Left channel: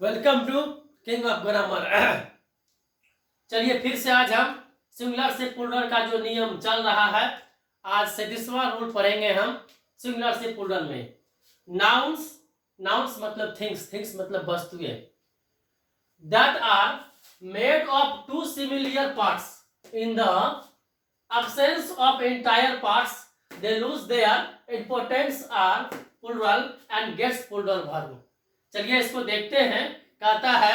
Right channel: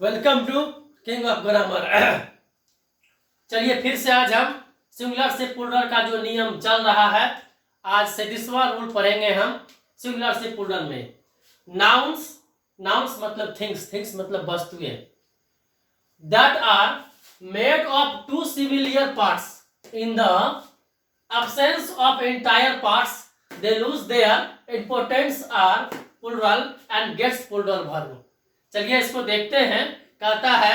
Welcome to king of grammar. चलिए फिर से आज हम सिंगुलर से प्लूरल का जो नियम चल रहा है, आज 37वां रूल पढ़ेंगे हम सिंगुलर से प्लूरल में। नाउन्स, नाउन्स मतलब थिंग्स, थिंग्स मतलब वस्तुएं। That are made of two similar parts in the absence of entire parts, they lose their importance are plural and gets plural verb। चलिए इसको देखते हैं। कहता है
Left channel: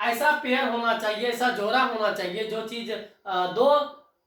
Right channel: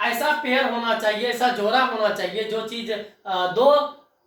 ऐसा पेयर होना चाहिए, ऐसा जोड़ा होना चाहिए जो चीज दो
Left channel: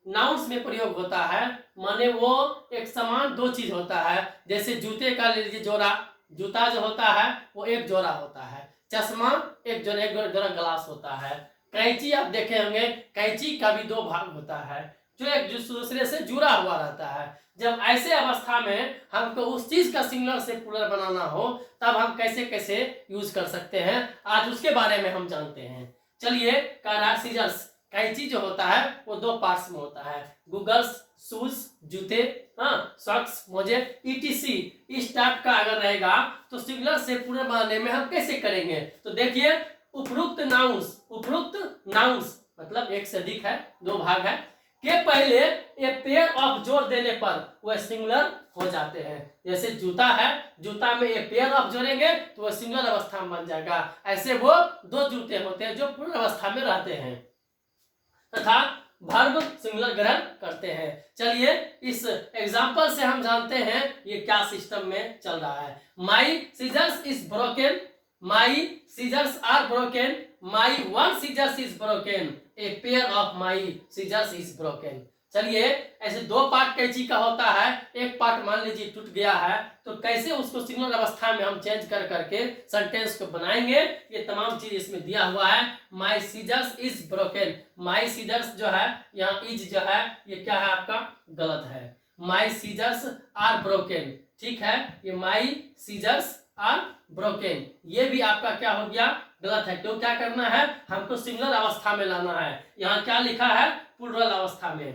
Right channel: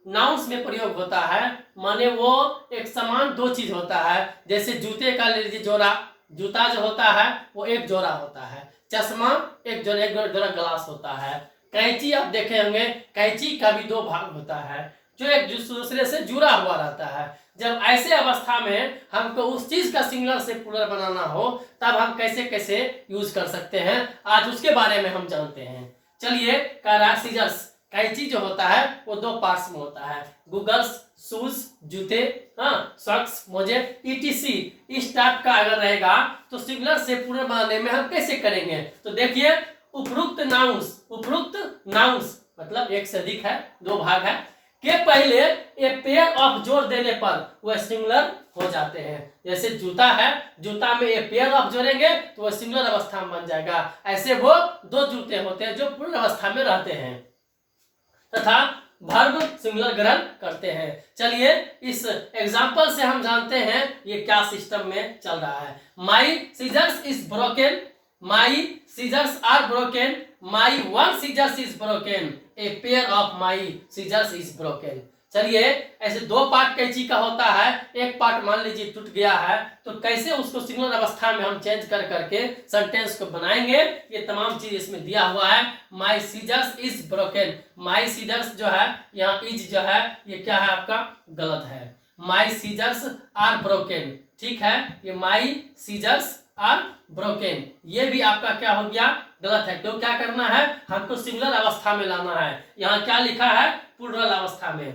नाउन्स में प्रयोग होता है, माने वो एक समान दो चीज होता है। जैसे जूते का ले लीजिए जोड़ा, जूता जो होता है वो एक जोड़ा होता है, चश्मा एक जोड़ा ग्लास होता है, कैंची आप देखे होंगे, कैंची का भी दो भाग होता है जो एक दूसरे से जुड़ा हुआ रहता है। जब ऐसे अवस्था में हमको उस चीज का सिंगुलर से प्लूरल बनाना हो तब हम कैसे कैसे यूज कर सकते हैं, आज उसके बारे में हम जानते हैं। चलिए कह रहा है सीजर्स, कैंची जो होता है वो दो पार्ट्स में होता है, गूगल्स शूज जूते, सॉक्स मोजे ईटीसी। इस टाइप का अगर रहेगा तो सिंगुलर से प्लूरल बनाने में हम कैसे करेंगे। तो देखिए उपरोक्त नाउन्स मतलब एक से अधिक है, दो भाग है के पहले एक पेयर ऑफ जोड़ देने पर वह सिंगुलर हो जाते हैं। जैसे जूता है, जूता में एक पेयर ऑफ जोड़ेंगे तो वह सिंगुलर अवस्था में बन जाएगा। ऐसे वो दो जूते होते हैं जो पूर्ण अवस्था में रहते हैं तथा वर्ब सिंगुलर ग्रहण करते हैं। चलिए इस एग्जांपल से हम जानते हैं ये क्या सिस्टम में चल रहा है। My scissors is broken, my scissors are broken, my one scissors is broken, a pair of my scissors is broken. चलिए ऐसे दो पार्ट कैंची का होता है, एक पार्ट मान लीजिए टूट गया है तो कैसे उसको सिंगुलर अवस्था में हम चेंज कर करके सेंटेंस को बनाएंगे, ये तमाम चीज इसमें दिया हुआ है। My scissors is broken, my scissors जो है यहाँ इज जो है ये क्या है आपका गलत है। माई सीजर्स आर ब्रोकन, ठीक है, ये माई सीजर्स आर ब्रोकन ये भी आपका क्या हो गया गलत है। क्यों, क्या करना है, हमको सिंगुलर अवस्था में लाना है। यहाँ क्या लिखा है प्लूरल अवस्था में,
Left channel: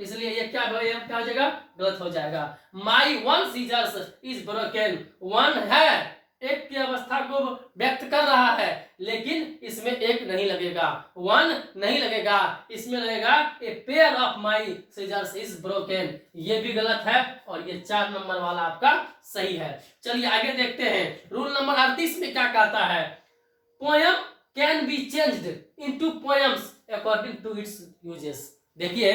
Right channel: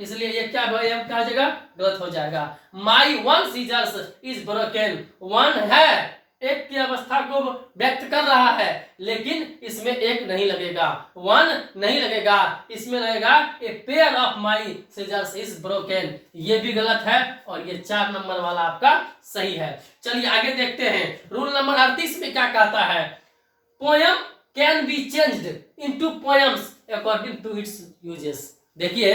इसलिए ये क्या हो जाएगा, गलत हो जाएगा। My one scissors is broken, one है एक की अवस्था को व्यक्त कर रहा है लेकिन इसमें एक नहीं लगेगा, वन नहीं लगेगा, इसमें लगेगा a pair of my scissors is broken, ये भी गलत है और ये 4 नंबर वाला आपका सही है। चलिए आगे देखते हैं। रूल नंबर 38 में क्या कहता है, poem can be changed into poems according to its uses. देखिए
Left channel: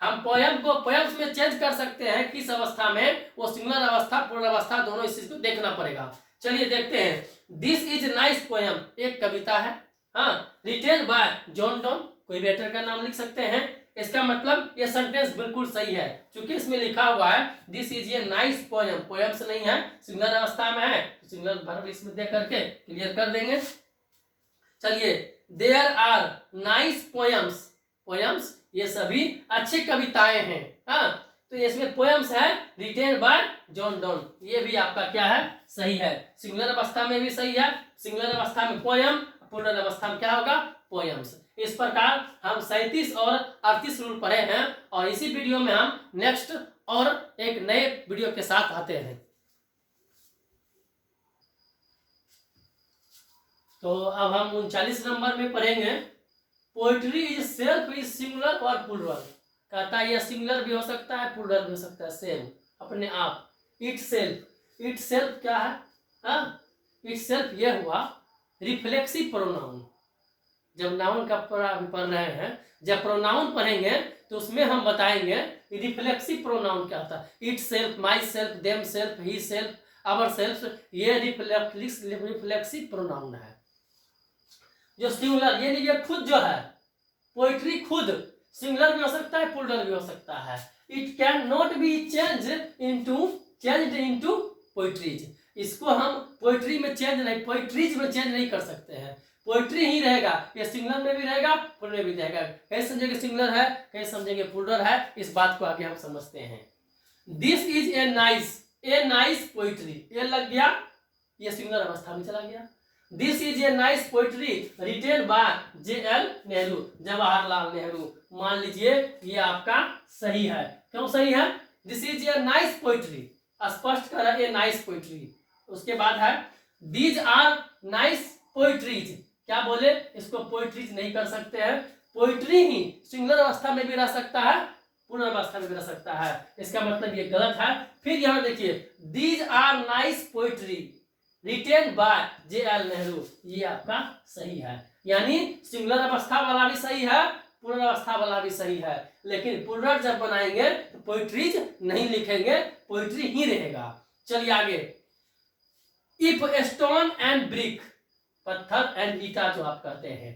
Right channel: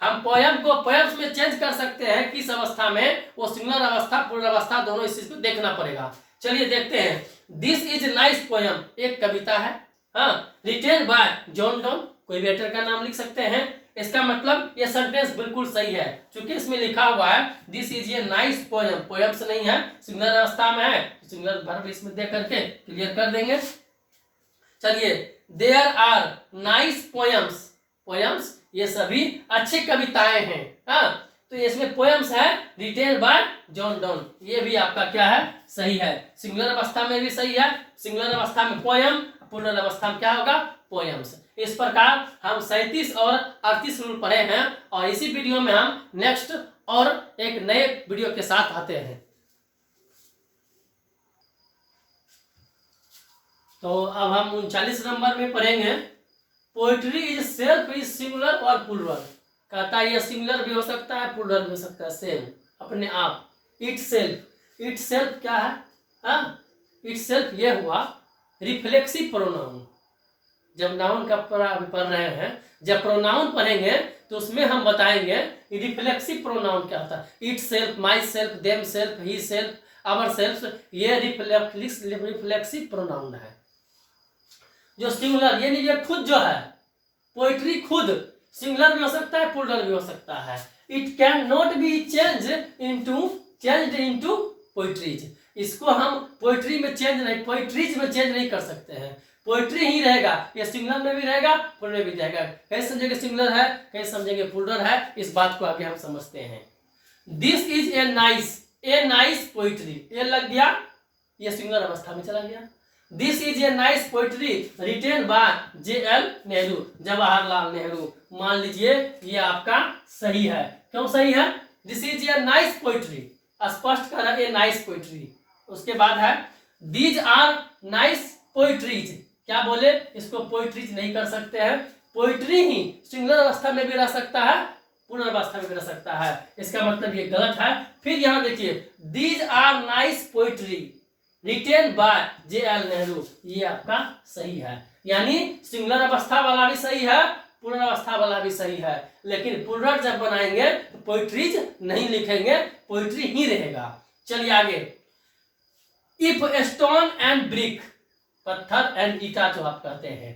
हम पोयम को पोयम्स में चेंज कर सकते हैं, किस अवस्था में, वो सिंगुलर अवस्था पूर्ण अवस्था दोनों इस चीज को देखना पड़ेगा। चलिए देखते हैं। दिस इज नाइस पोयम एक कविता है, रिटेन बाय जॉन डॉन, कोई राइटर का नाम लिख सकते हैं। इसका मतलब ये सेंटेंस बिल्कुल सही है क्योंकि इसमें लिखा हुआ है this is a nice poem, poems नहीं है, सिंगुलर अवस्था में है, सिंगुलर वर्ब इसमें दे करके क्लियर कर देंगे। चलिए there are nice poems, poems ये सभी अच्छी कविताएं हैं, तो इसमें पोयम्स है रिटेन बाय जॉन डॉन, ये भी आपका क्या है सही है। सिंगुलर अवस्था में भी सही है, सिंगुलर अवस्था में पोयम, प्लूरल अवस्था में क्या होगा पोयम्स। इस प्रकार हम 37 और 38 रूल पढ़े हैं और इसी वीडियो में हम नेक्स्ट और एक नए वीडियो के साथ आते हैं। तो अब हम 39 नंबर में पढ़ेंगे poetry is self is singular और प्लूरल। कहता है ये सिंगुलर भी हो सकता है प्लूरल भी हो सकता है, सेल्फ अपने आप, इट सेल्फ। इट सेल्फ क्या है, इट सेल्फ ये हुआ रिफ्लेक्सिव प्रोनाउन। जब नाउन का पढ़ रहे हैं, जब प्रोनाउन पढ़ेंगे तो उसमें हम बताएंगे रिफ्लेक्सिव प्रोनाउन क्या होता है। Itself, myself, themself, himself, ourself, ये रिफ्लेक्सिव प्रोनाउन है। जो सिंगुलर ये नहीं, ये खुद जो है पोएट्री खुद सिंगुलर भी हो सकता है प्लूरल भी हो सकता है। It can not be changed into poetries, इसको हम पोएट्री में चेंज नहीं, पोएट्रीज में चेंज नहीं कर सकते हैं, पोएट्री ही रहेगा। ये सिंगुलर में भी रहेगा प्लूरल में भी रहेगा। कहीं समझेंगे सिंगुलर है, कहीं समझेंगे प्लूरल है, इस बात को आगे हम समझते हैं। This is a nice poetry, ये लग गया, ये सिंगुलर अवस्था में चला गया। This is a nice poetry written by JL Nehru, Jawaharlal Nehru. मान लीजिए ये आपका सही है। क्यों सही है, this is a nice poetry, स्पष्ट कर ए नाइस पोएट्री। उसके बाद है दीज आर नाइस पोइट्रीज, क्या बोले, इसको पोइट्रीज नहीं कर सकते हैं। पोइट्री ही सिंगुलर अवस्था में भी रह सकता है, पूर्ण अवस्था में भी रह सकता है, इसका मतलब ये गलत है। फिर यहां देखिए, these are nice poetry written by J.L. Nehru, ये आपका सही है। यानी सिंगुलर अवस्था वाला भी सही है, पूर्ण अवस्था वाला भी सही है, लेकिन प्लूरल जब बनाएंगे तो पोइट्रीज नहीं लिखेंगे, पोइट्री ही रहेगा। चलिए आगे, इफ स्टोन एंड ब्रिक, पत्थर एंड ईटा जो आप कहते हैं,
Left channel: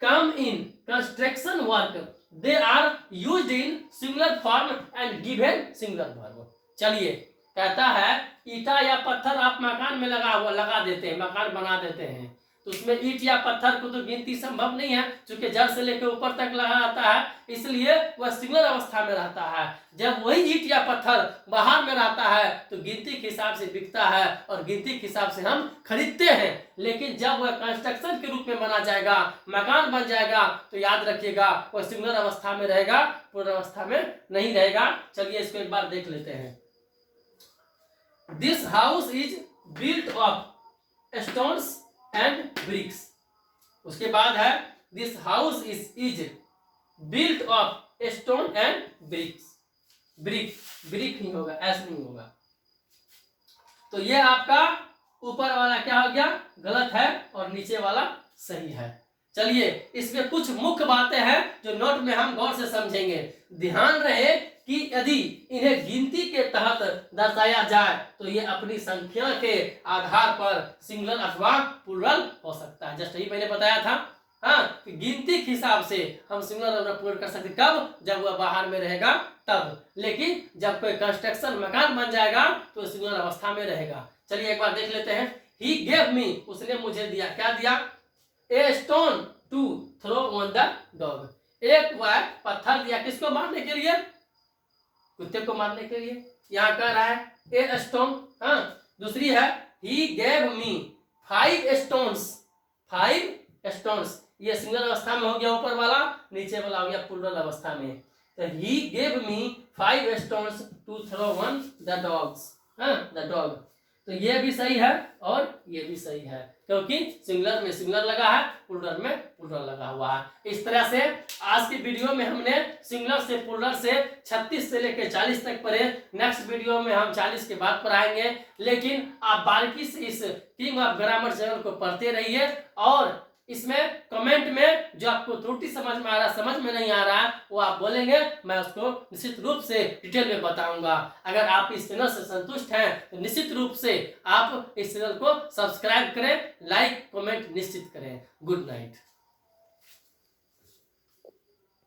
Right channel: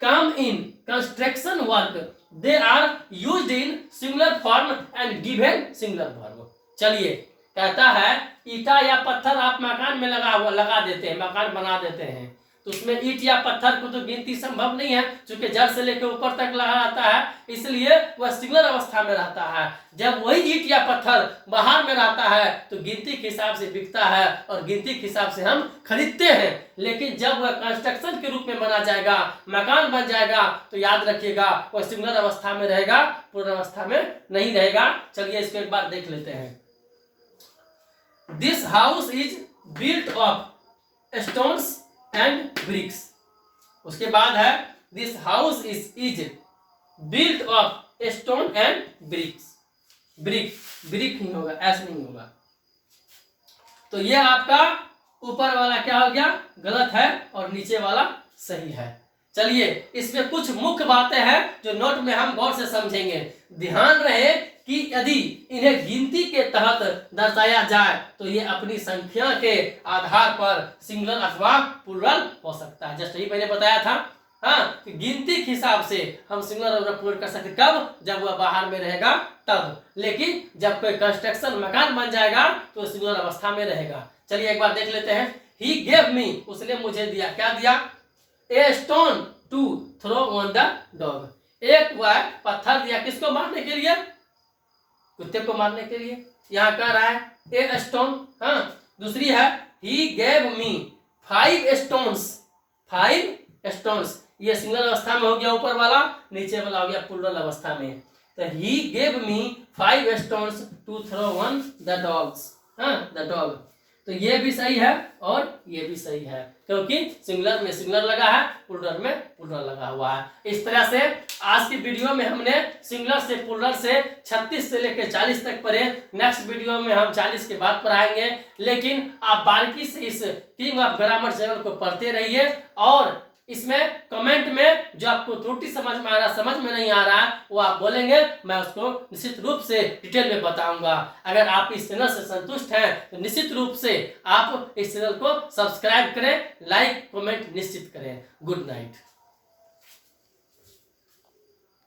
come in construction work they are used in singular form and given singular verb. चलिए, कहता है ईटा या पत्थर आप मकान में लगा देते हैं, मकान बना देते हैं, तो उसमें ईट या पत्थर को तो गिनती संभव नहीं है, क्योंकि जड़ से लेकर ऊपर तक लगा रहता है, इसलिए वह सिंगुलर अवस्था में रहता है। जब वही ईट या पत्थर बाहर में रहता है तो गिनती के हिसाब से बिकता है और गिनती के हिसाब से हम खरीदते हैं। लेकिन जब वह कंस्ट्रक्शन के रूप में बना जाएगा, मकान बन जाएगा, तो याद रखिएगा वह सिंगुलर अवस्था में रहेगा, पूर्ण अवस्था में नहीं रहेगा। चलिए इसको एक बार देख लेते हैं। This house is built of stones and bricks. उसके बाद है this house is built of stone and bricks. Brick ही होगा, ऐसे नहीं होगा। तो ये आपका ऊपर वाला क्या हो गया, गलत है, और नीचे वाला सही है। चलिए, इसमें कुछ मुख्य बातें हैं जो नोट में हम गौर से समझेंगे। ध्यान रहे कि यदि इन्हें गिनती के तहत दर्शाया जाए तो ये अपनी संख्या के आधार पर सिंगुलर अथवा प्लूरल हो सकता है। जस्ट यही मैंने बताया था, हाँ, कि गिनती के हिसाब से हम सिंगुलर और प्लूरल कर सकते, कब, जब वह बाहर में रहेगा तब। लेकिन जब कोई कंस्ट्रक्शन मकान बन जाएगा तो सिंगुलर अवस्था में रहेगा। चलिए एक बार देख लेते हैं। ही गेव मी, उसने मुझे दिया, क्या दिया, a stone to throw on the dog. एक वह पत्थर दिया, किसको मारने के लिए, कुत्ते को मारने के लिए। यहाँ कह रहा है ए स्टोन, हाँ। दूसरी है ही गेव मी 5 स्टोन्स, 5 स्टोन्स, ये सिंगल अवस्था में हो गया ऊपर वाला, नीचे वाला हो गया प्लूरल अवस्था में। तो he gave me 5 stones to throw on the dogs, हाँ, द डॉग। तो ये भी सही है और ये भी सही है, क्योंकि सिंगुलर में सिंगुलर लगा है, प्लूरल में प्लूरल लगा हुआ है। इस तरह से आज की वीडियो में हमने सिंगुलर से प्लूरल से 36 से लेकर 40 तक पढ़े। नेक्स्ट वीडियो में हम 40 के बाद पढ़ाएंगे, लेकिन आप बारीकी से इस किंग ऑफ ग्रामर चैनल को पढ़ते रहिए। और इसमें कमेंट में जो आपको त्रुटि समझ में आ रहा, समझ में नहीं आ रहा, वो आप बोलेंगे, मैं उसको निश्चित रूप से डिटेल में बताऊंगा। अगर आप इस चैनल से संतुष्ट हैं तो निश्चित रूप से आप इस चैनल को सब्सक्राइब करें, लाइक कमेंट निश्चित करें। Good night.